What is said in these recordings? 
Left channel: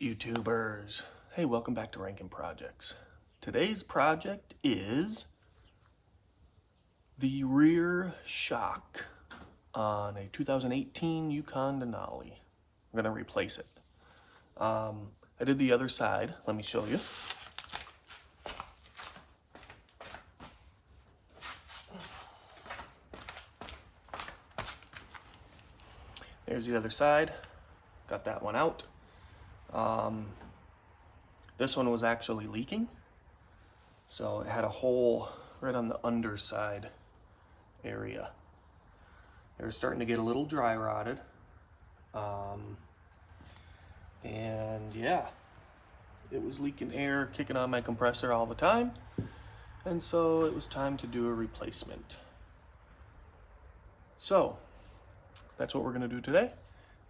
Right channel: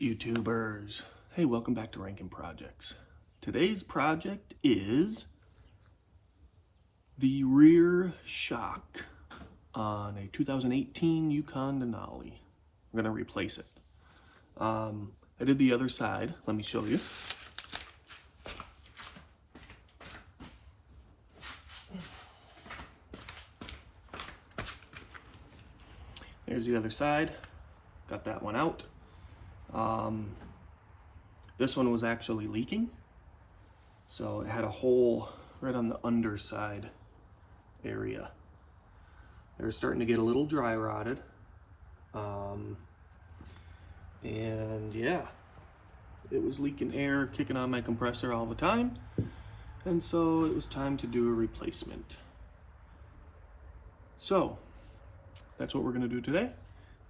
YouTubers, hey, welcome back to Rankin Projects. Today's project is the rear shock on a 2018 Yukon Denali. I'm going to replace it. I did the other side. Let me show you. Here's the other side. Got that one out. This one was actually leaking, so it had a hole right on the underside area. They were starting to get a little dry rotted, and yeah, it was leaking air, kicking on my compressor all the time, and so it was time to do a replacement. So that's what we're going to do today.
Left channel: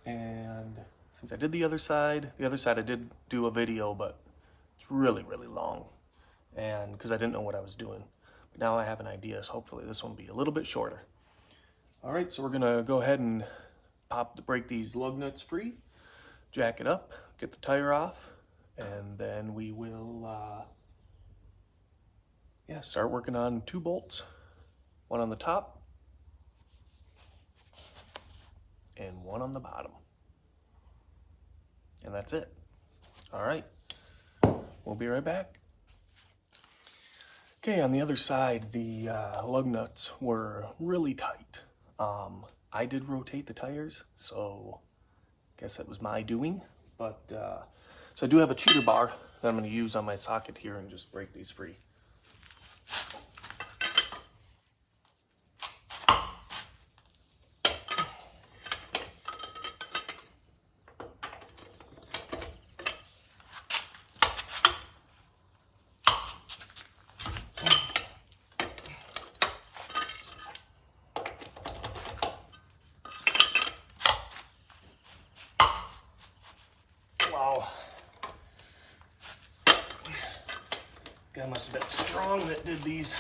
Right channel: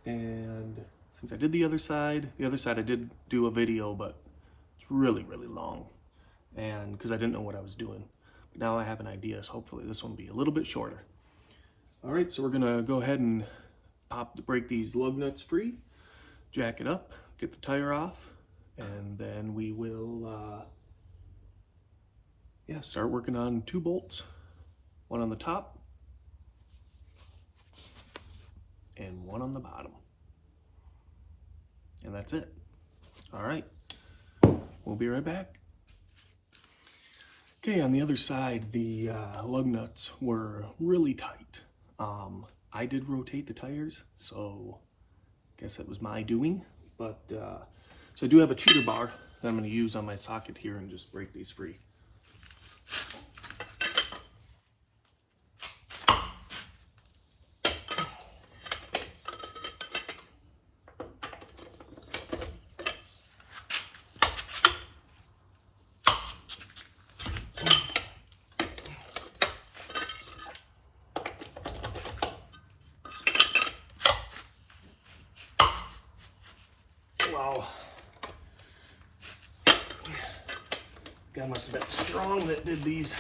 And since I did the other side I did do a video, but it's really long, and because I didn't know what I was doing. But now I have an idea, so hopefully this one will be a little bit shorter. All right, so we're gonna go ahead and break these lug nuts free, jack it up, get the tire off, and then we will start working on 2 bolts, one on the top and one on the bottom. And that's it. All right, we'll be right back. Okay, on the other side, the lug nuts were really tight. I did rotate the tires, so I guess that was my doing. But so I do have a cheater bar that I'm going to use on my socket here and just break these free. Wow. Guy must have been strong that did these.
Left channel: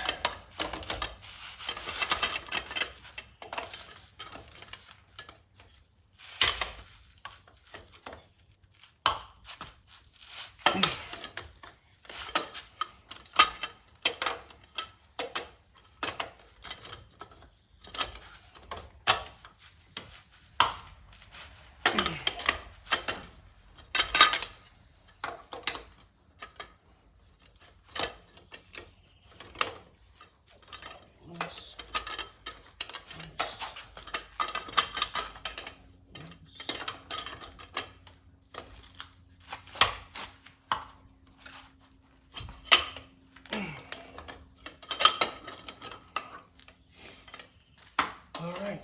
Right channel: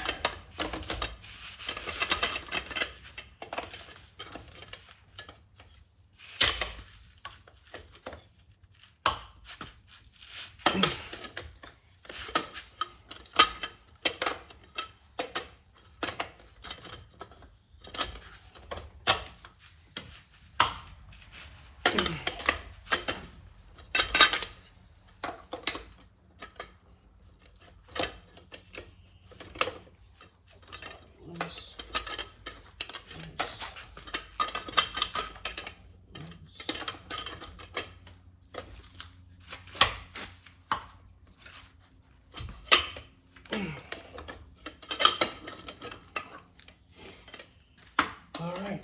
All right,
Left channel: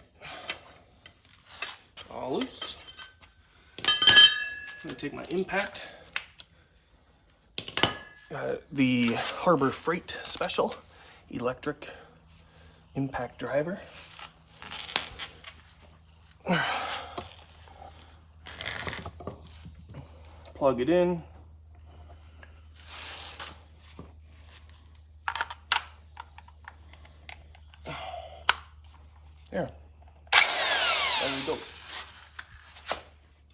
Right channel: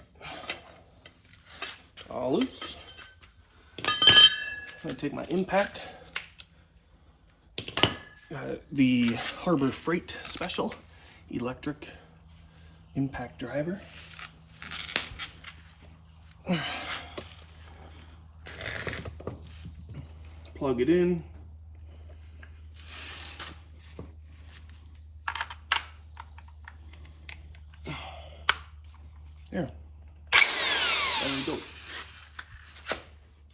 all loose. I'm gonna take my impact, the Harbor Freight Special electric impact driver. Plug it in. There we go.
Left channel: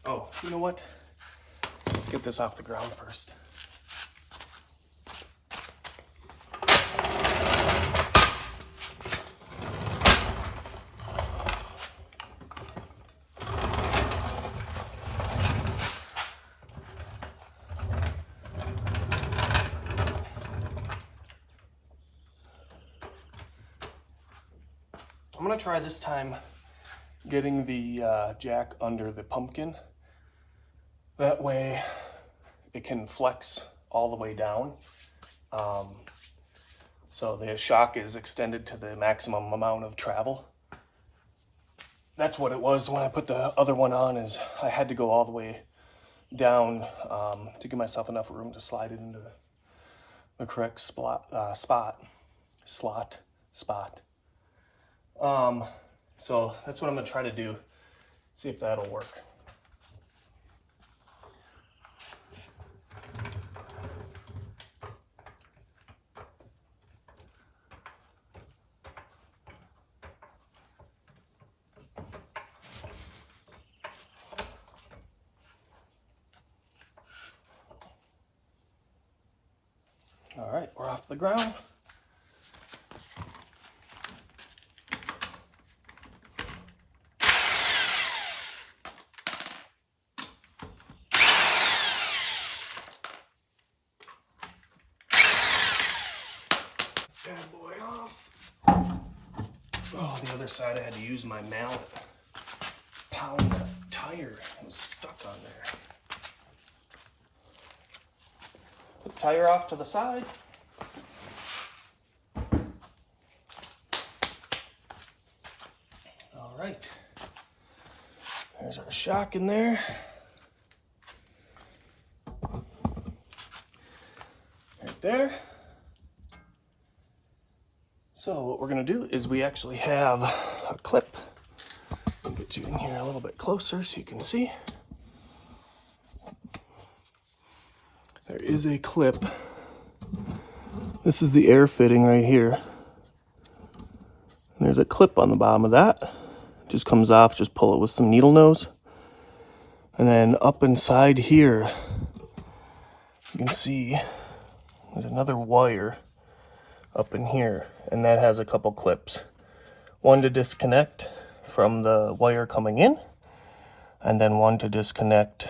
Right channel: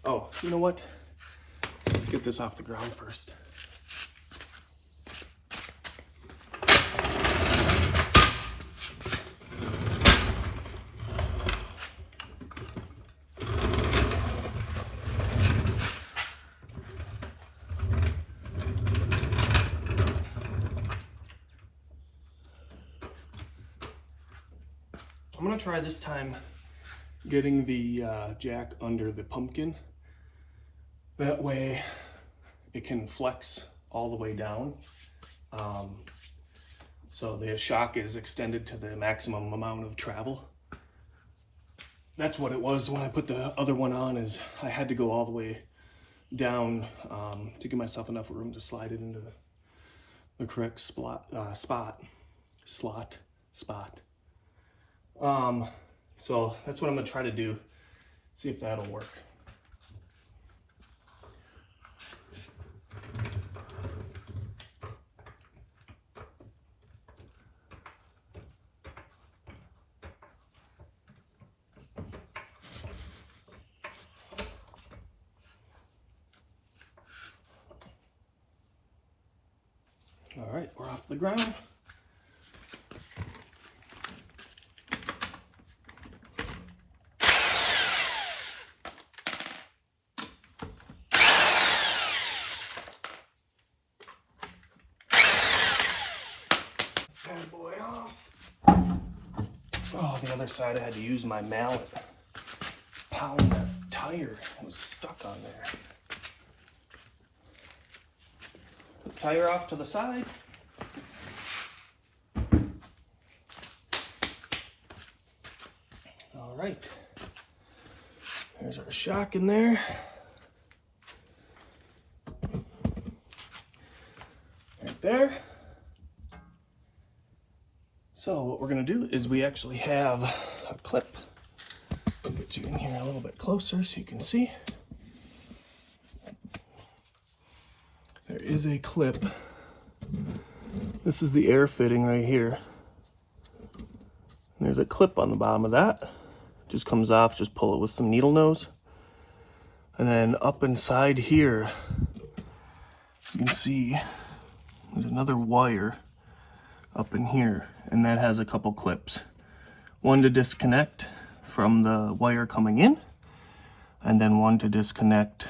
Oh, you know what? Let's get this off the ground first. I'm gonna try this time getting the jack under the pumpkin. That way it can flex all the way down. So the shock is extended to the maximum amount of travel. That's what it was when I put the other one on, is I had to go all the way down to give myself enough room to slide it into the correct slot. So that's what I'm gonna try to do, see if that'll work. off the ground. Bad boy off. Oh, the other side I had to use my mallet. Pound that tire. It was stuck on there. Put the tire off to the side. All right. There's our shock in there. Right there. So what we're going to do is we actually have a clip. I'll get you in here a little bit closer so you can see. There is a clip. This is the air fitting right here. And there's a clip on the bottom of that. It just comes off, just pull it with some needle nose. And then up inside here, you can see there's another wire up in here, and that has a couple clips. One to disconnect from the wire coming in, and then one to disconnect.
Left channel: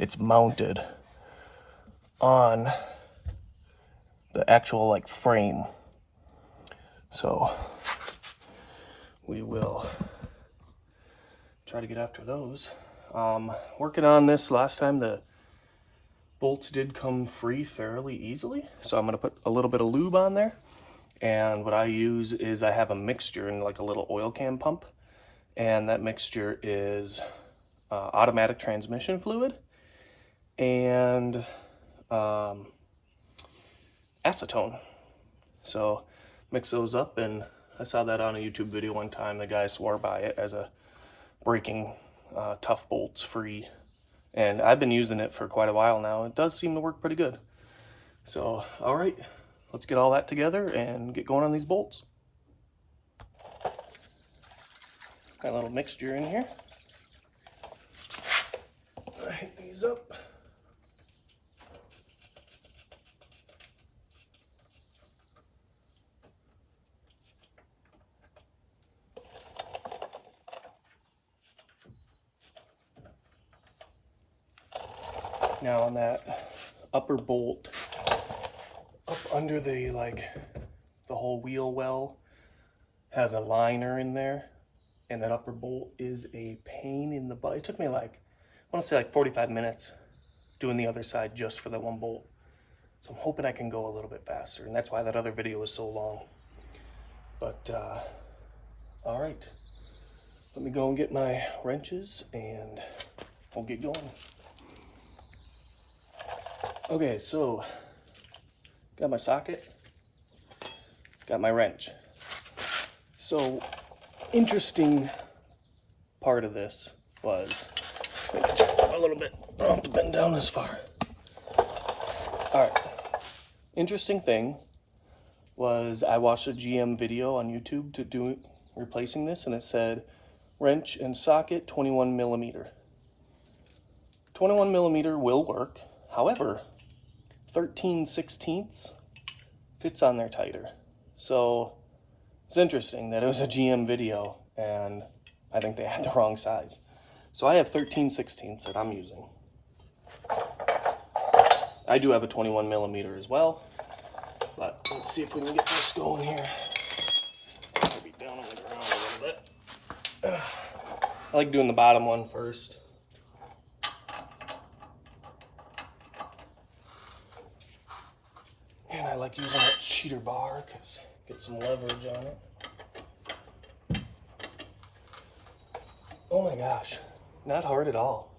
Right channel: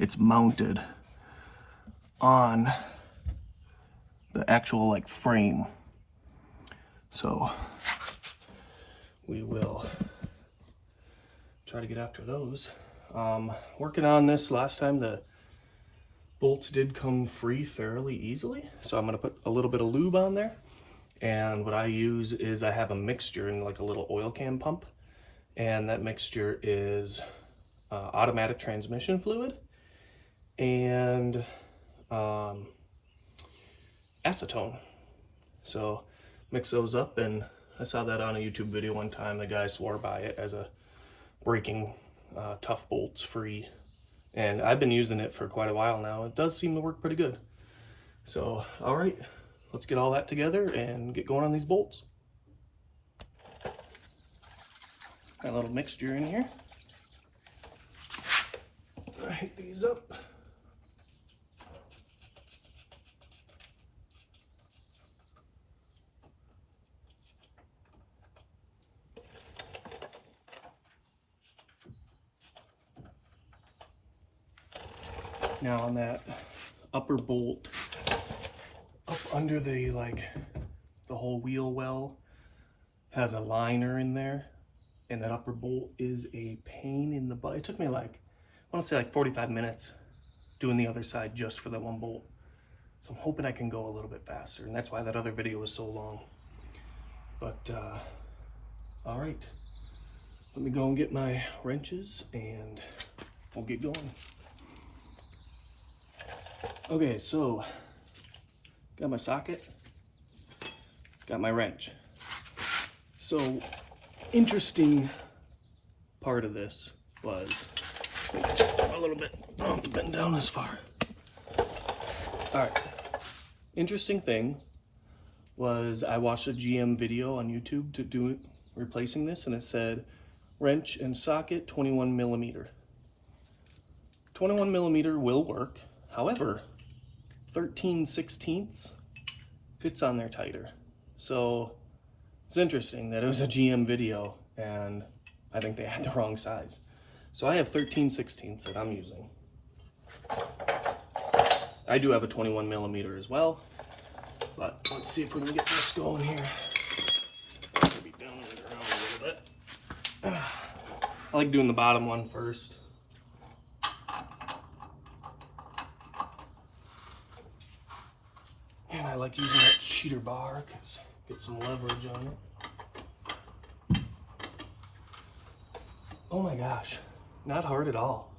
It's mounted on the actual like frame. So we will try to get after those. Working on this last time, the bolts did come free fairly easily, so I'm going to put a little bit of lube on there. And what I use is I have a mixture in like a little oil can pump, and that mixture is automatic transmission fluid and acetone. So mix those up, and I saw that on a YouTube video one time. The guy swore by it as a breaking tough bolts free. And I've been using it for quite a while now. It does seem to work pretty good. So, all right, let's get all that together and get going on these bolts. Got a little mixture in here. Light these up. Now on that upper bolt, up under the whole wheel well, has a liner in there, and that upper bolt is a pain in the butt. It took me I want to say 45 minutes doing the other side just for that one bolt. So I'm hoping I can go a little bit faster, and that's why that other video was so long. But all right, let me go and get my wrenches and we'll get going. Okay, so got my socket, got my wrench. So interesting part of this was a little bit, I don't have to bend down this far. All right, interesting thing was I watched a GM video on YouTube to do it, replacing this, and it said wrench and socket 21 millimeter. 21 millimeter will work. However, 13/16 fits on there tighter. So it's interesting that it was a GM video and I think they had the wrong size. So I have 13/16 that I'm using. I do have a 21 millimeter as well, but let's see if we can get this going here. Maybe down on the ground a little bit. I like doing the bottom one first. And I like using that cheater bar because get some leverage on it. Oh my gosh, not hard at all.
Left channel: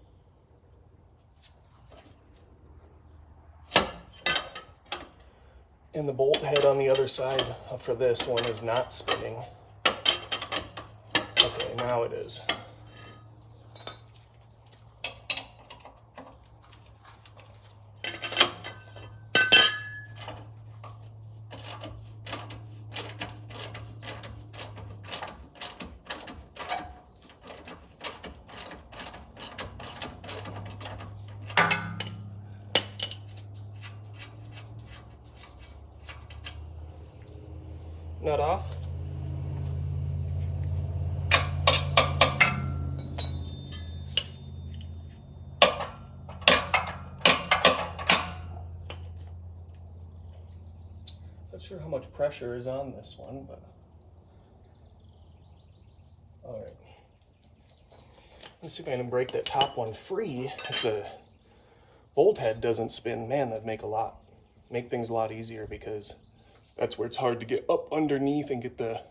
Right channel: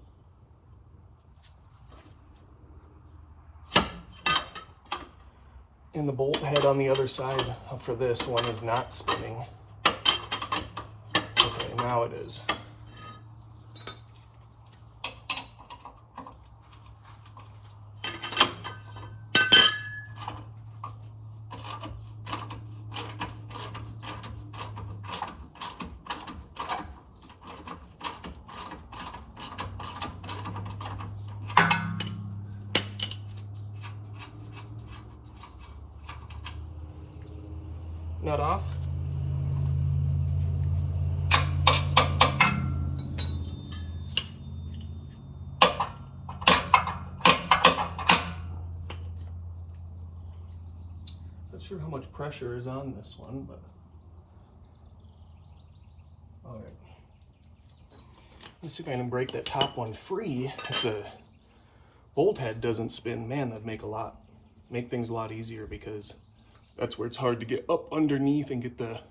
And the bolt head on the other side for this one is not spinning. Okay, now it is. nut off. Not sure how much pressure is on this one, but all right. Let's see if I can break that top one free. If the bolt head doesn't spin, man, that'd make things a lot easier, because that's where it's hard to get up underneath and get the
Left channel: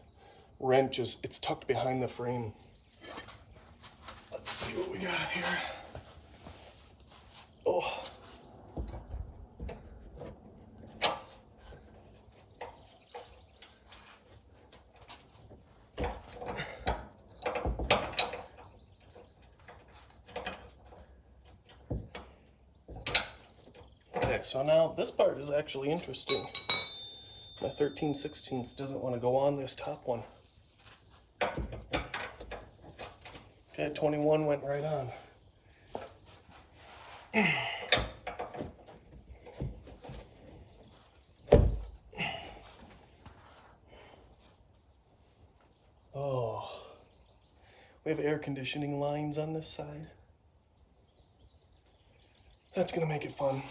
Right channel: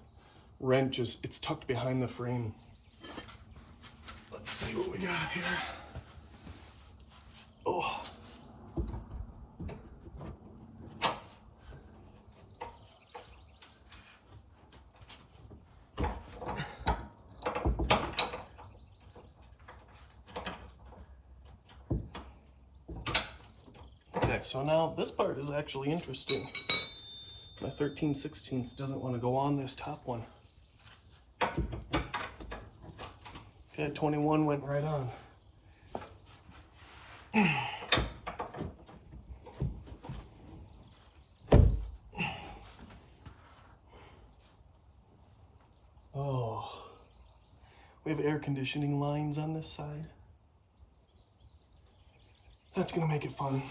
wrench. It's tucked behind the frame. Let's see what we got here. Oh. Okay, so now this part is actually interesting. My 13/16 doesn't want to go on this top one. Okay, 21 went right on. Oh, we have air conditioning lines on this side. That's gonna make it fun.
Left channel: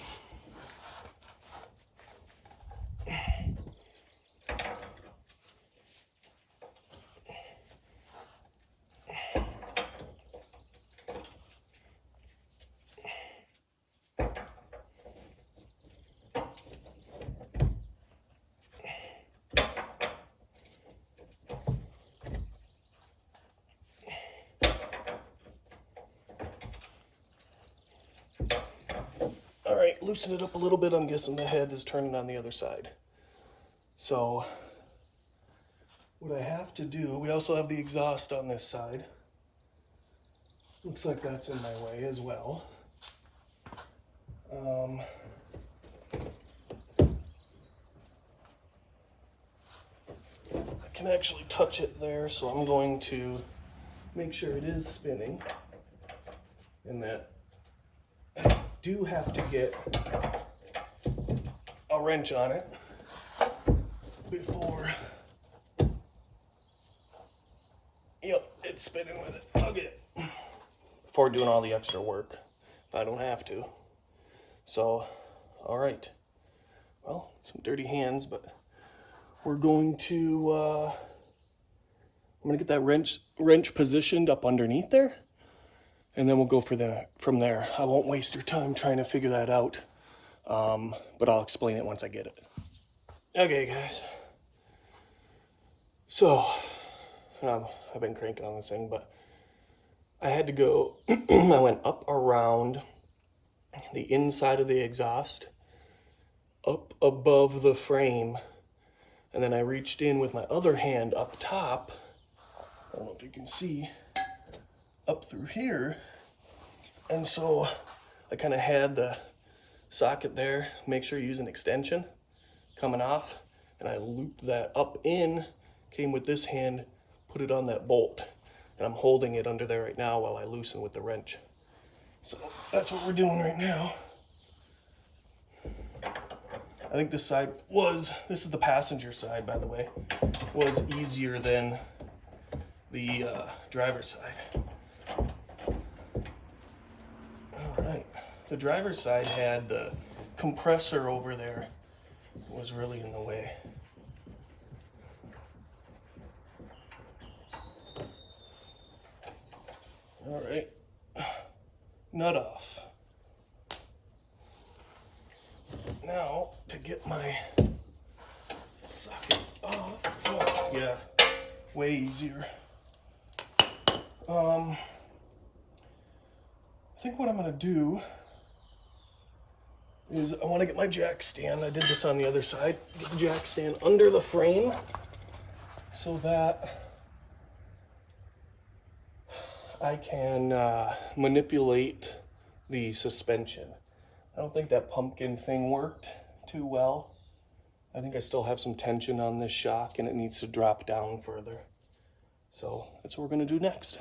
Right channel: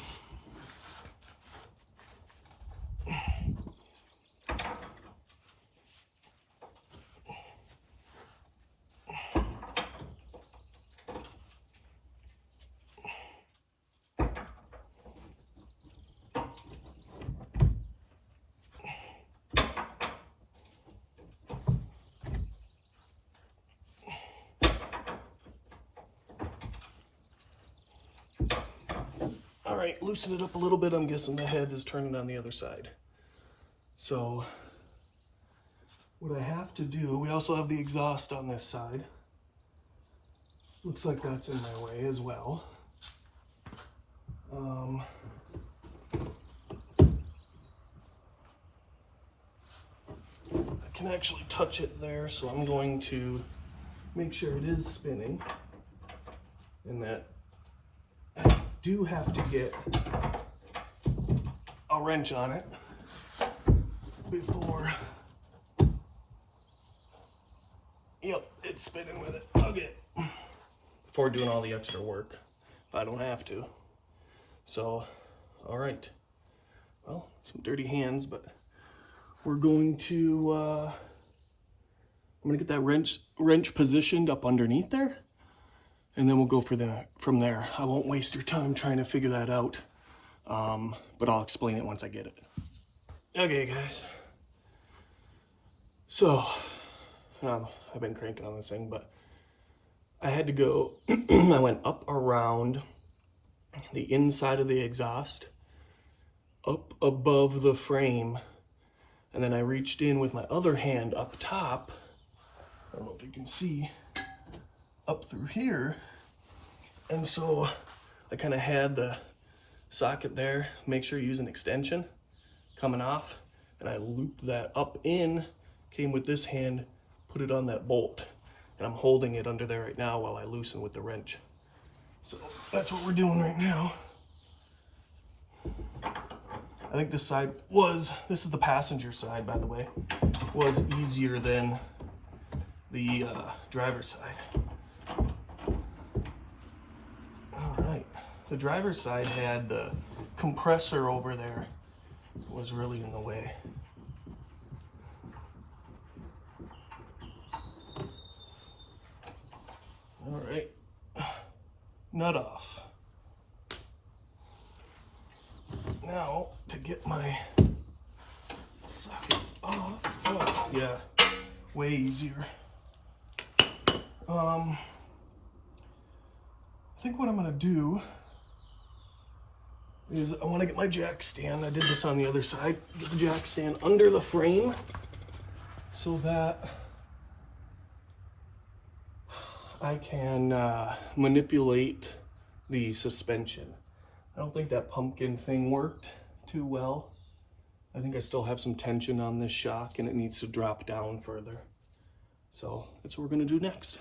All right, loosen it up a little bit. I'm guessing the head is turning on the other side. So what I have to do, we also have the exhaust on this side. Looks like that's in my way as well. I can actually touch it there, so I'm going to make sure it is spinning, and that I do have to get a wrench on it before, yep, it's spinning with it. Okay. Before doing all the extra work, if I don't have to. So, all right. Well, some dirty hands, but we're going to, I'm gonna get that wrench positioned up underneath there, and then we'll go from there. I won't waste your time trying to figure that out, but I'll explain it once I get it. Okay, guys. So, I've been cranking on this thing, but I had to go, I went up around the inside of the exhaust, up above the frame, and then I reached in with my other hand up top, I don't know if you can see, up through here, and so I kind of had the socket there, make sure you use an extension coming off, and I looped that up in, came with this hand, put it on that bolt, and I'm holding it under there right now while I loosen with the wrench. So that's what we're doing right now. I think this is the passenger side, by the way, was easier than the driver's side. All right, the driver's side had the compressor over there, was really in the way. All right, nut off. Now, to get my socket off, oh, yeah, way easier. I think what I'm gonna do is I wanna get my jack stand. I did this on the other side. Get the jack stand under the frame so that I can manipulate the suspension. I don't think that pumpkin thing worked too well. I think I still have some tension on this shock and it needs to drop down further. So that's what we're gonna do next.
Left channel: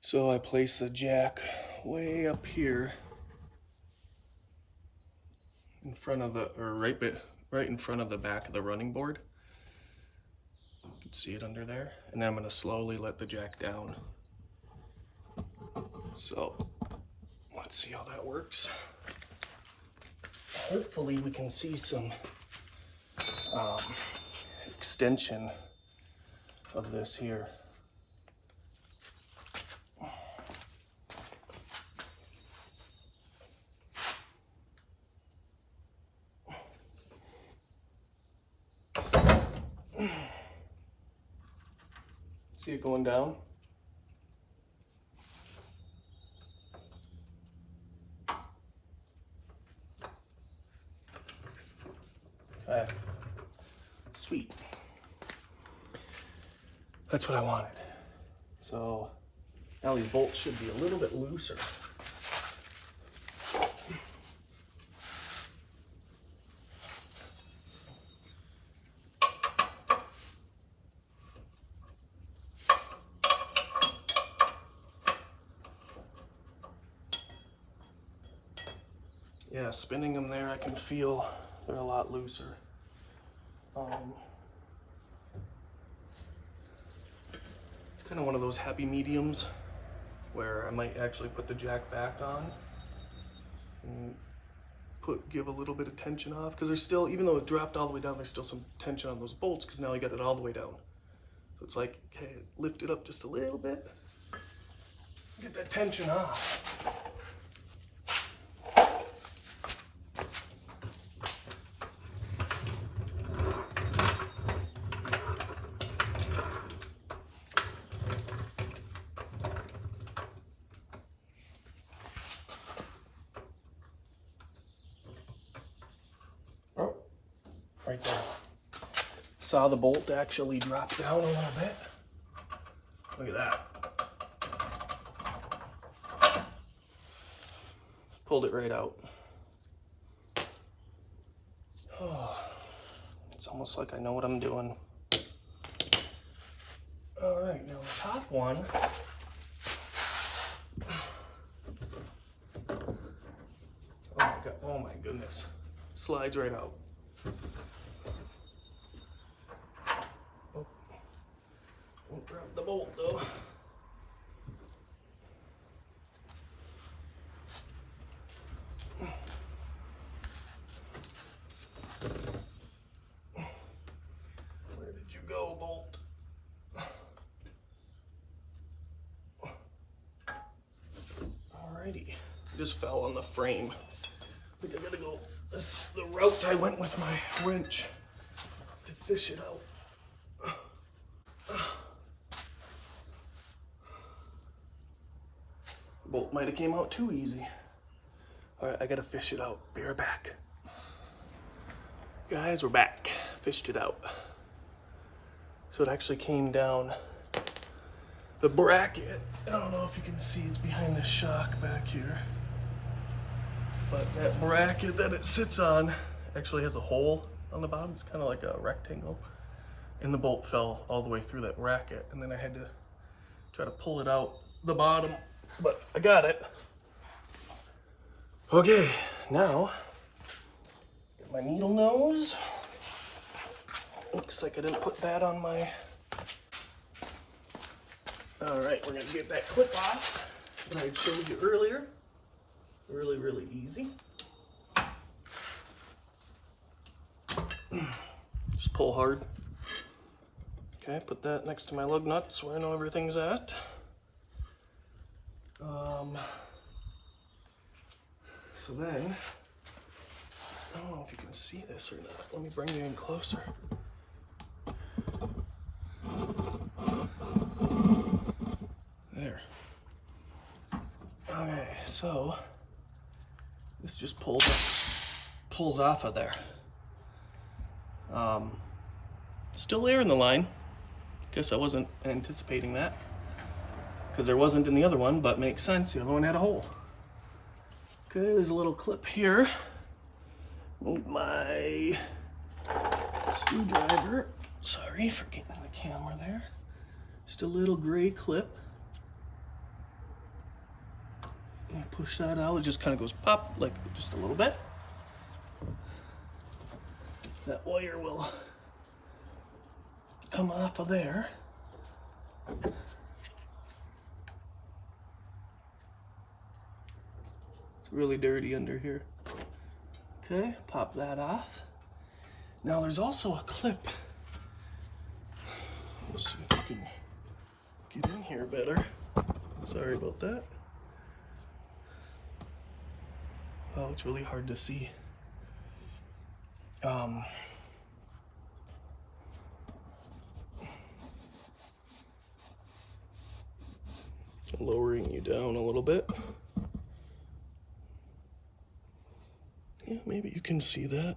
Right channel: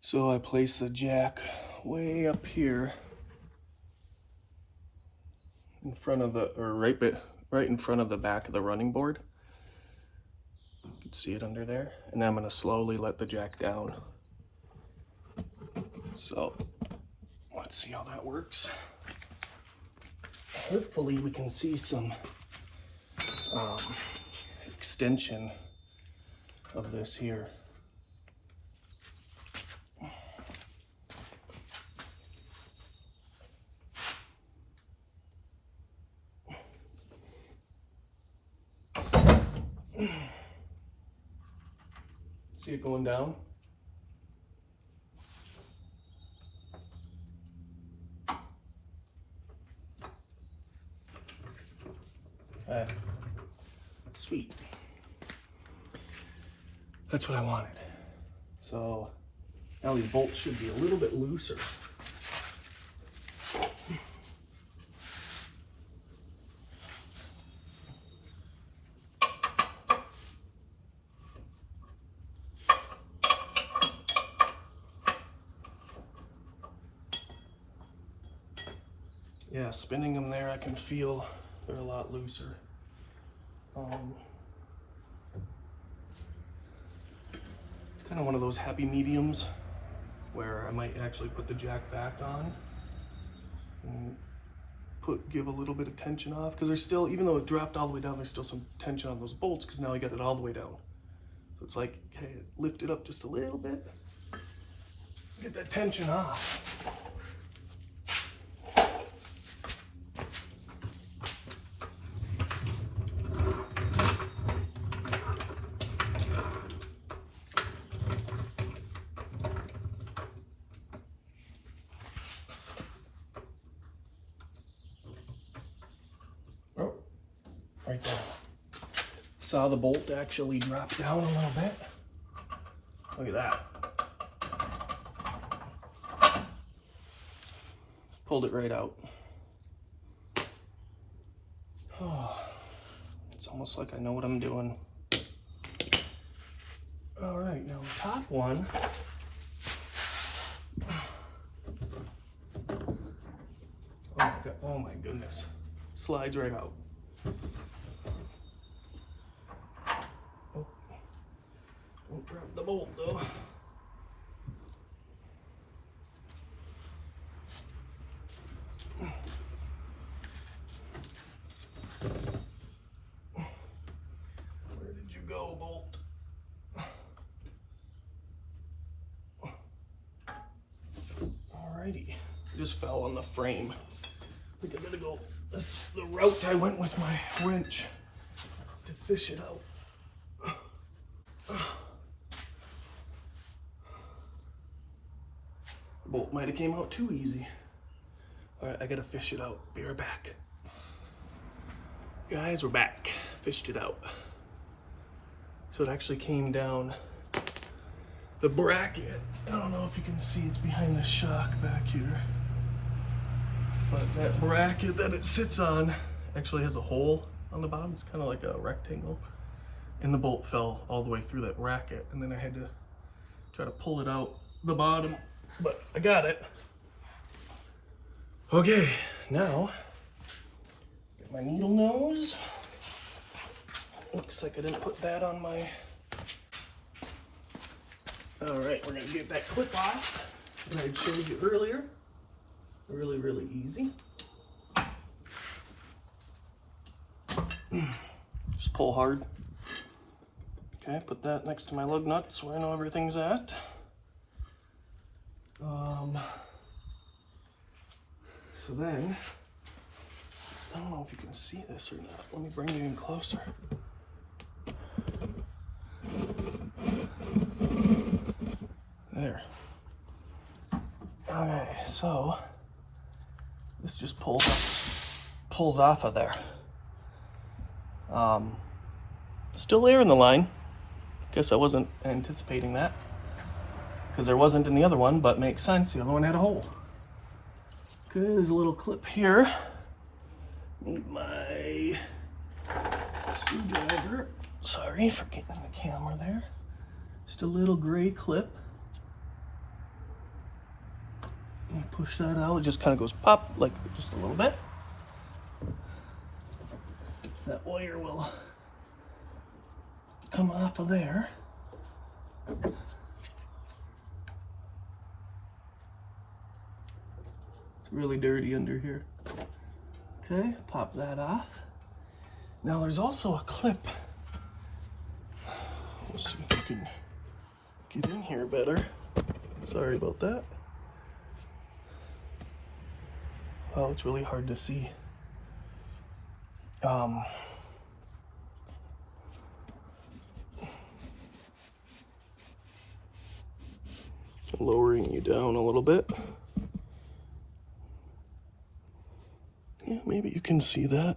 So I place the jack way up here in front of the, or right right in front of the back of the running board. You can see it under there. And I'm gonna slowly let the jack down. So let's see how that works. Hopefully we can see some extension of this here. See it going down? Okay. Sweet. That's what I wanted. So now these bolts should be a little bit looser. Yeah, spinning them there, I can feel they're a lot looser. It's kind of one of those happy mediums where I might actually put the jack back on and give a little bit of tension off, because there's still, even though it dropped all the way down, there's still some tension on those bolts because now I got it all the way down. So it's like, okay, lift it up just a little bit, get that tension off. Oh, right there. Saw the bolt actually drop down a little bit. Look at that. Pulled it right out. Oh, it's almost like I know what I'm doing. All right, now the top one. Oh my God, oh my goodness. Slides right out. Oh, don't grab the bolt though. Where did you go, bolt? Alrighty, just fell on the frame. I think I gotta go the route I went with my wrench to fish it out. The bolt might have came out too easy. All right, I gotta fish it out. Be right back. Guys, we're back. Fished it out. So it actually came down the bracket. I don't know if you can see, it's behind the shock back here. But that bracket that it sits on actually has a hole on the bottom. It's kind of like a rectangle. And the bolt fell all the way through that bracket. And then I had to try to pull it out the bottom, but I got it. Okay, now, get my needle nose. Looks like I didn't put that on my... All right, we're gonna get that clip off that I showed you earlier. Really, really easy. Just pull hard. Okay, put that next to my lug nuts where I know everything's at. So then, I don't know if you can see this or not. Let me bring it in closer. There. Okay, so this just pulls off of there. Still air in the line. Guess I wasn't anticipating that, because there wasn't in the other one, but makes sense. The other one had a hole. Okay, there's a little clip here. Move my screwdriver. Sorry for getting the camera there. Just a little gray clip. And push that out. It just kind of goes pop, like just a little bit. that wire will come off of there. It's really dirty under here. Okay, pop that off. Now there's also a clip. We'll see if we can get in here better. Sorry about that. Oh, it's really hard to see. Lowering you down a little bit. Yeah, maybe you can see that.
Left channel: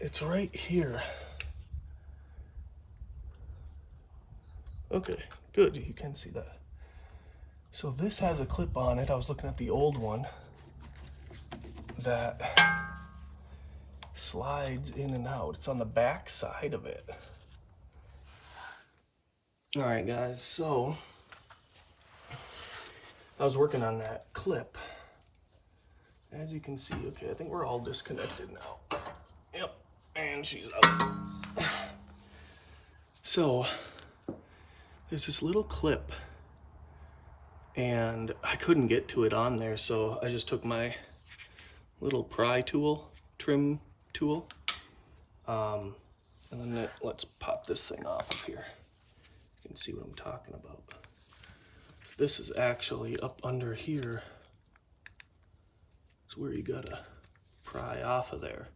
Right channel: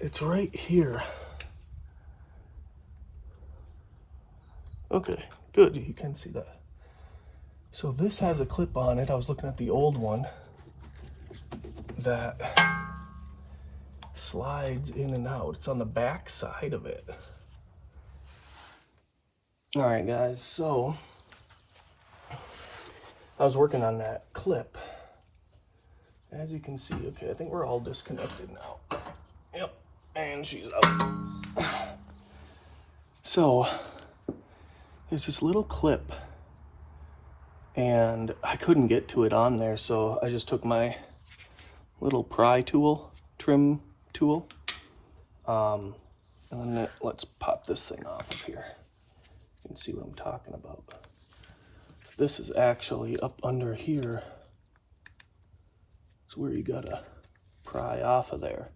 It's right here. Okay, good, you can see that. So this has a clip on it. I was looking at the old one that slides in and out. It's on the back side of it. All right, guys, so I was working on that clip. As you can see, okay, I think we're all disconnected now. Yep, and she's out. So there's this little clip, and I couldn't get to it on there, so I just took my little pry tool, trim tool, and then let's pop this thing off of here. You can see what I'm talking about. This is actually up under here. It's where you gotta pry off of there.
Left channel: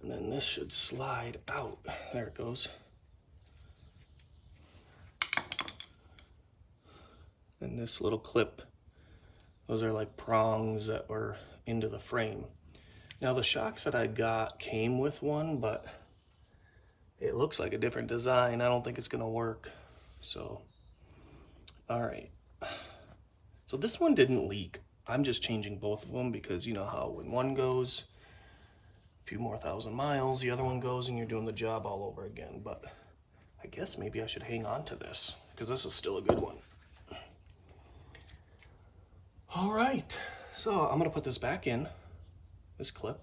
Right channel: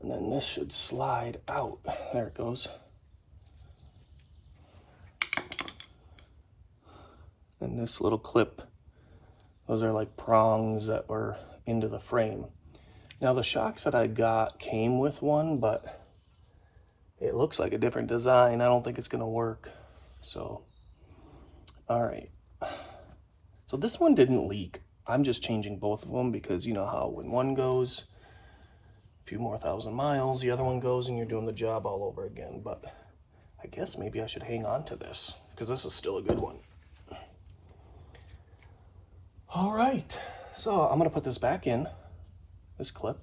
And then this should slide out. There it goes. And this little clip, those are like prongs that were into the frame. Now the shocks that I got came with one, but it looks like a different design. I don't think it's gonna work. So, all right. So this one didn't leak. I'm just changing both of them because you know how when one goes a few more 1,000 miles, the other one goes and you're doing the job all over again. But I guess maybe I should hang on to this because this is still a good one. All right, so I'm gonna put this back in, this clip.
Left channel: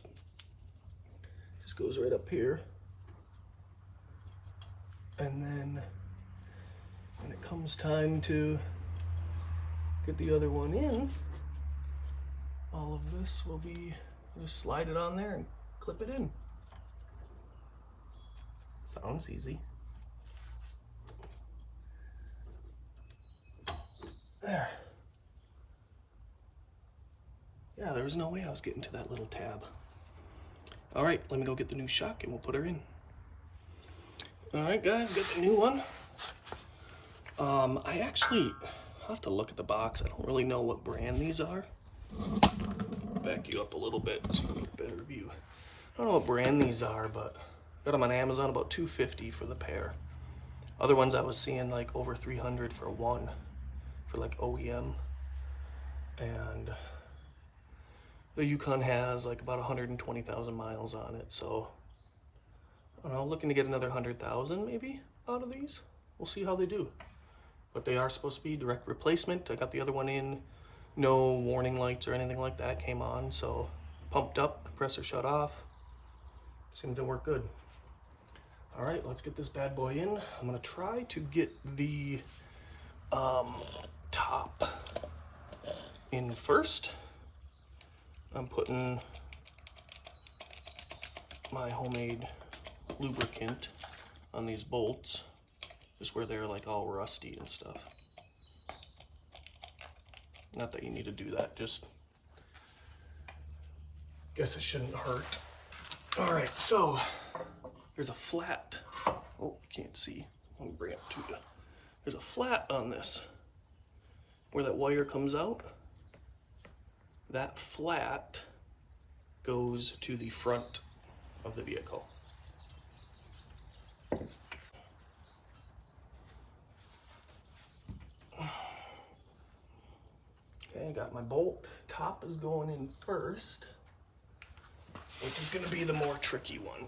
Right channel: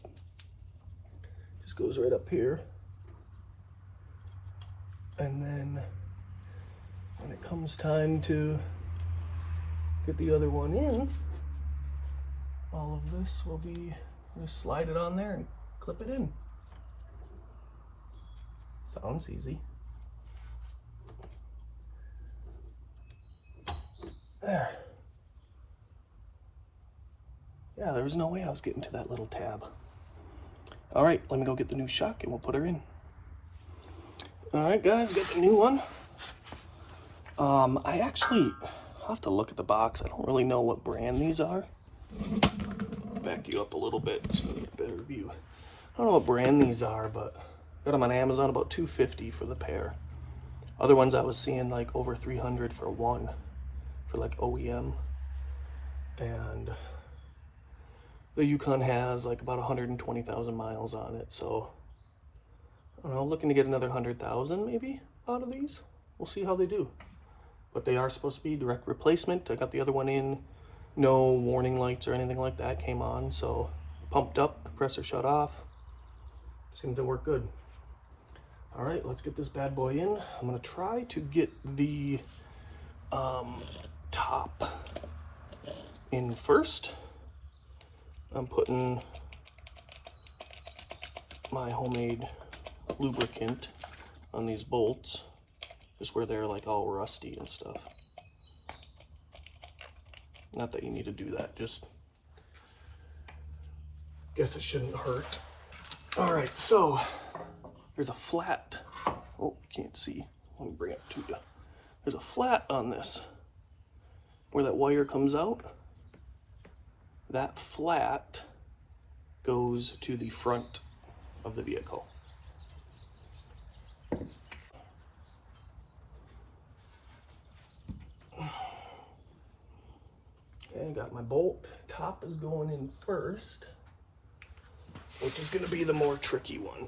Just goes right up here. And then when it comes time to get the other one in, all of this will be, just slide it on there and clip it in. Sounds easy. There. Yeah, there was no way I was getting to that little tab. All right, let me go get the new shock and we'll put her in. All right, guys, got the new one. I actually have to look at the box. I don't really know what brand these are. Back you up a little bit so you get a better view. I don't know what brand these are, but got them on Amazon, about $250 for the pair. Other ones I was seeing like over $300 for one, for like OEM. And the Yukon has like about 120,000 miles on it, so I don't know, looking to get another 100,000 maybe out of these. We'll see how they do. But they are supposed to be direct replacement. I got the other one in, no warning lights or anything like that came on, so pumped up, compressor shut off. Seemed to work good. All right, let's get this bad boy in. I'm gonna try to get the top in first. I'm putting my homemade lubricant on these bolts, just where they're like all rusty and stuff. Not that you need to do that, just guess it shouldn't hurt. All right, so there's a flat. Oh, you can't see. Let me bring it to you. There's a flat on this where that wire comes out. That flat goes to the front of the vehicle. Okay, I got my bolt. Top is going in first, which is going to be the more tricky one.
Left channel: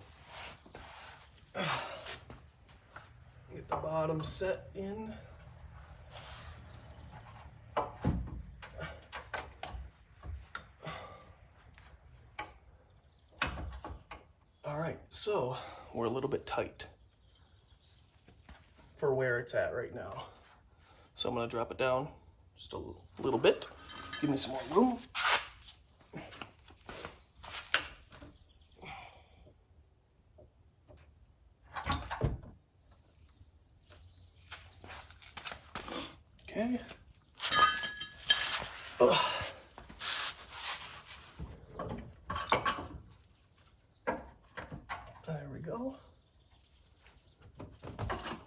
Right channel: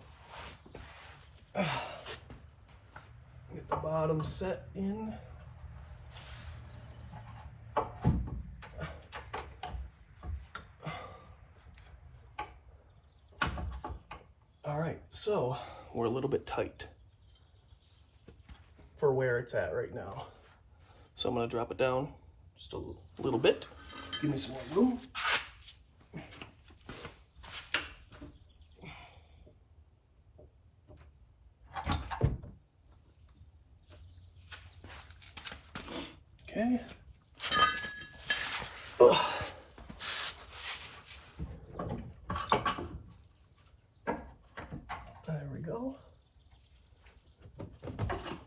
Get the bottom set in. right, so we're a little bit tight for where it's at right now. So I'm gonna drop it down just a little bit. Give me some more room. Okay. Ugh. There we go.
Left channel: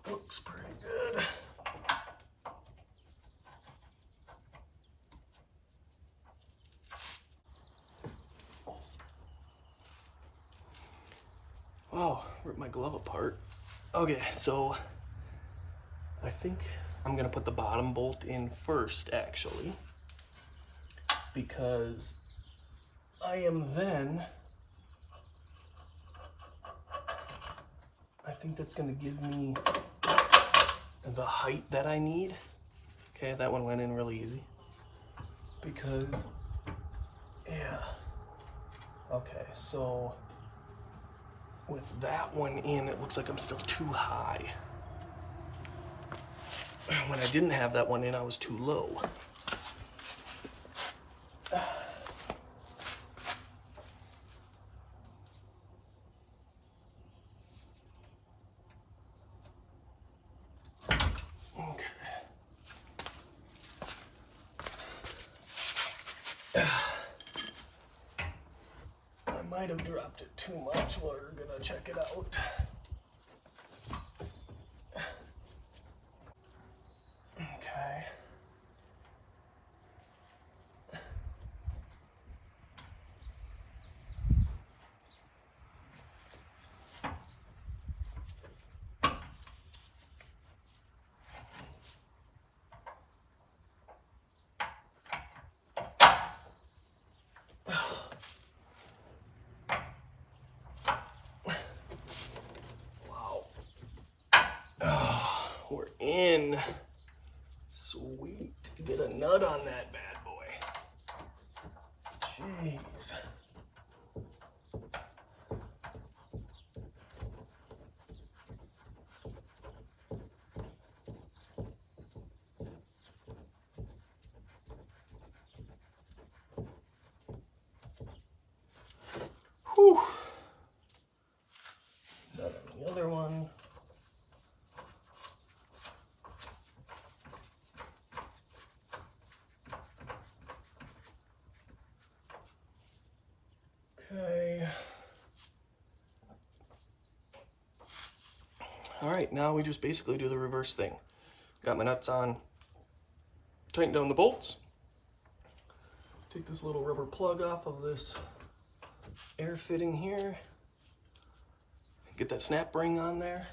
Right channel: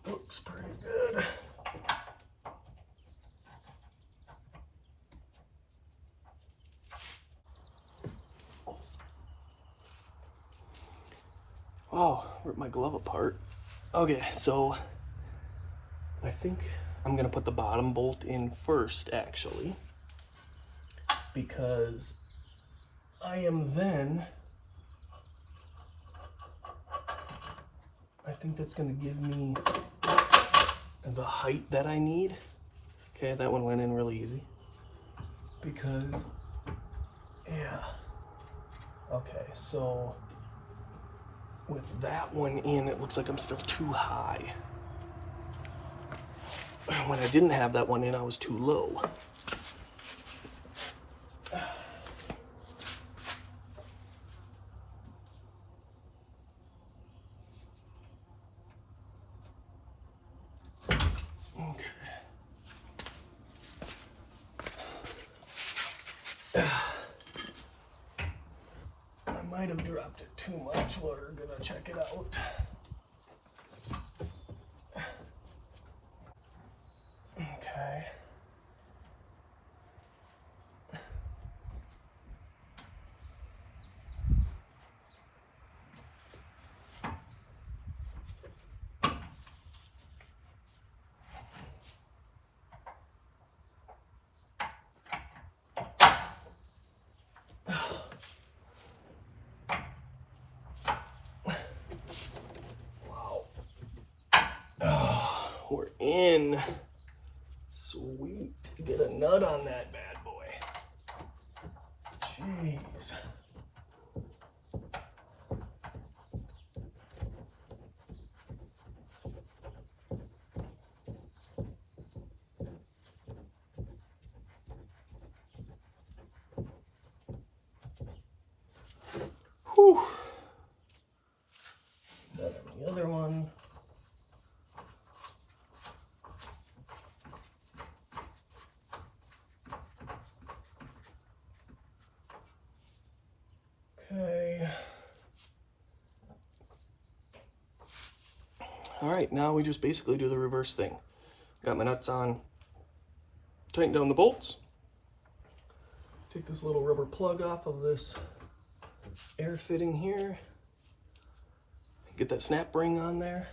Looks pretty good. Wow, ripped my glove apart. Okay, so I think I'm gonna put the bottom bolt in first, actually, because I think that's gonna give me the height that I need. Okay, that one went in really easy. Because, yeah. Okay, so with that one in, it looks like I'm still too high. When I didn't have that one in, I was too low. I might have dropped it too much. We're gonna check it out. Okay. We're in. Sweet. Get a nut on that bad boy. Jeez. Whew. Then on the other one. Okay. All right, now we just basically do the reverse thing. Got my nuts on, tighten down the bolts. Take this little rubber plug off of this air fitting here. Get that snap ring on there.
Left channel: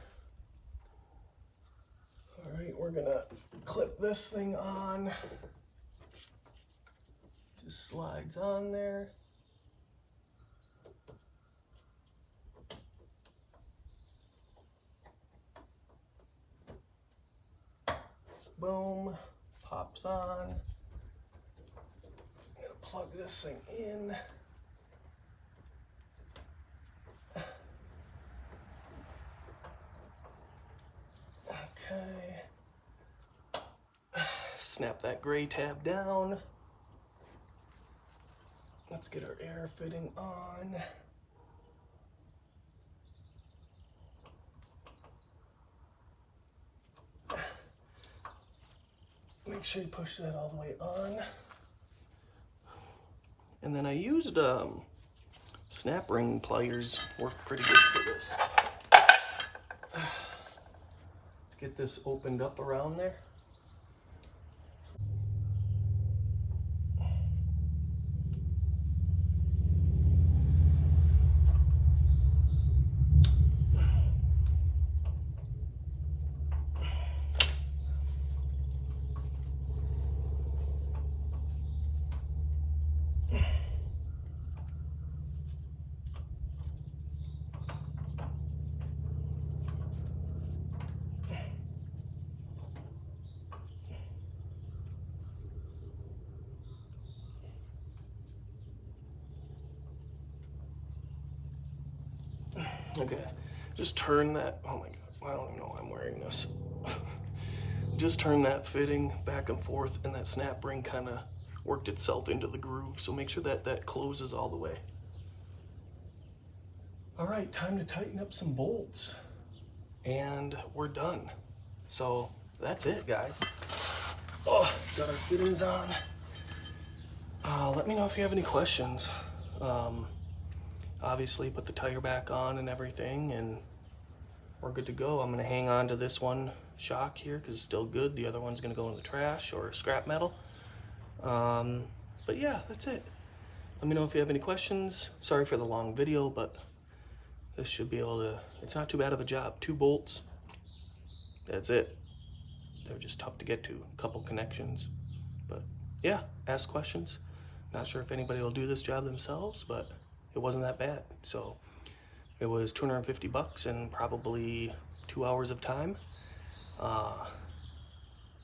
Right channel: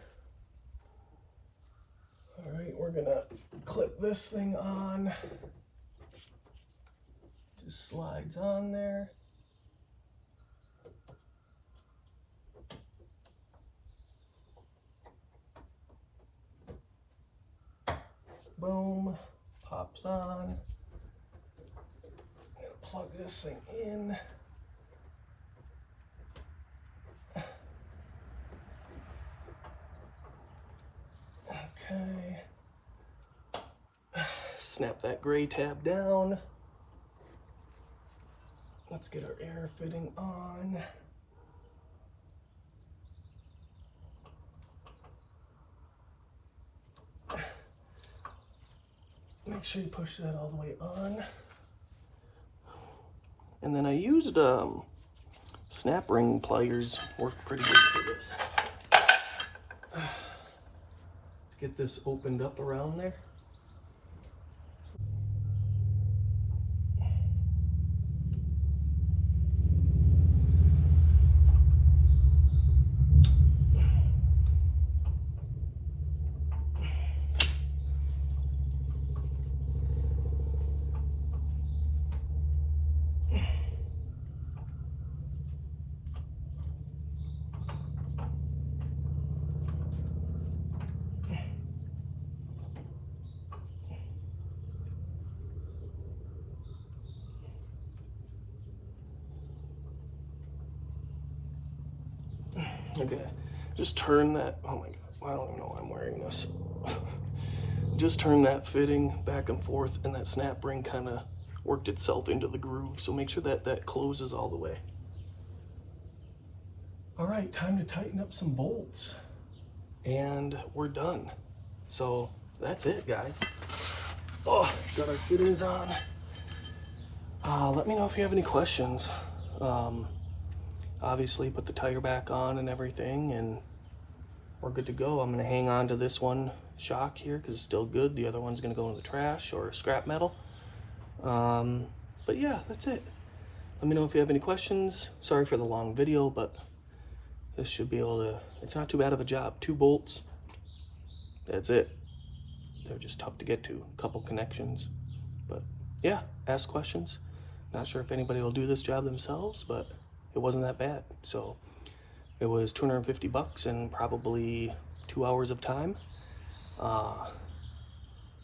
All right, we're gonna clip this thing on. Just slides on there. Boom, pops on. I'm gonna plug this thing in. Okay. Snap that gray tab down. Let's get our air fitting on. Make sure you push that all the way on. And then I used snap ring pliers, worked pretty good for this. To get this opened up around there. Okay, just turn that, oh my God, I don't even know why I'm wearing this. Just turn that fitting back and forth, and that snap ring kind of worked itself into the groove. So make sure that that closes all the way. All right, time to tighten up some bolts. And we're done. So that's it, guys. Oh, got our fittings on. Let me know if you have any questions. Obviously put the tire back on and everything, and we're good to go. I'm gonna hang on to this one shock here because it's still good. The other one's gonna go in the trash or scrap metal. But yeah, that's it. Let me know if you have any questions. Sorry for the long video, but this should be able to, it's not too bad of a job. 2 bolts, that's it. They're just tough to get to, a couple connections. But yeah, ask questions. Not sure if anybody will do this job themselves, but it wasn't that bad. So it was 250 bucks and probably 2 hours of time. A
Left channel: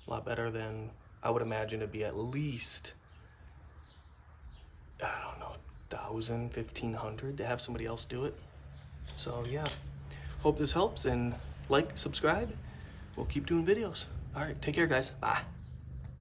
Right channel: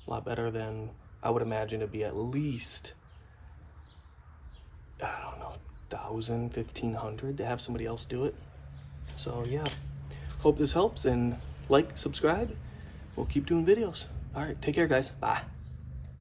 lot better than I would imagine it'd be. At least, I don't know, 1,000, 1,500 to have somebody else do it. So yeah, hope this helps, and like, subscribe. We'll keep doing videos. All right, take care, guys. Bye.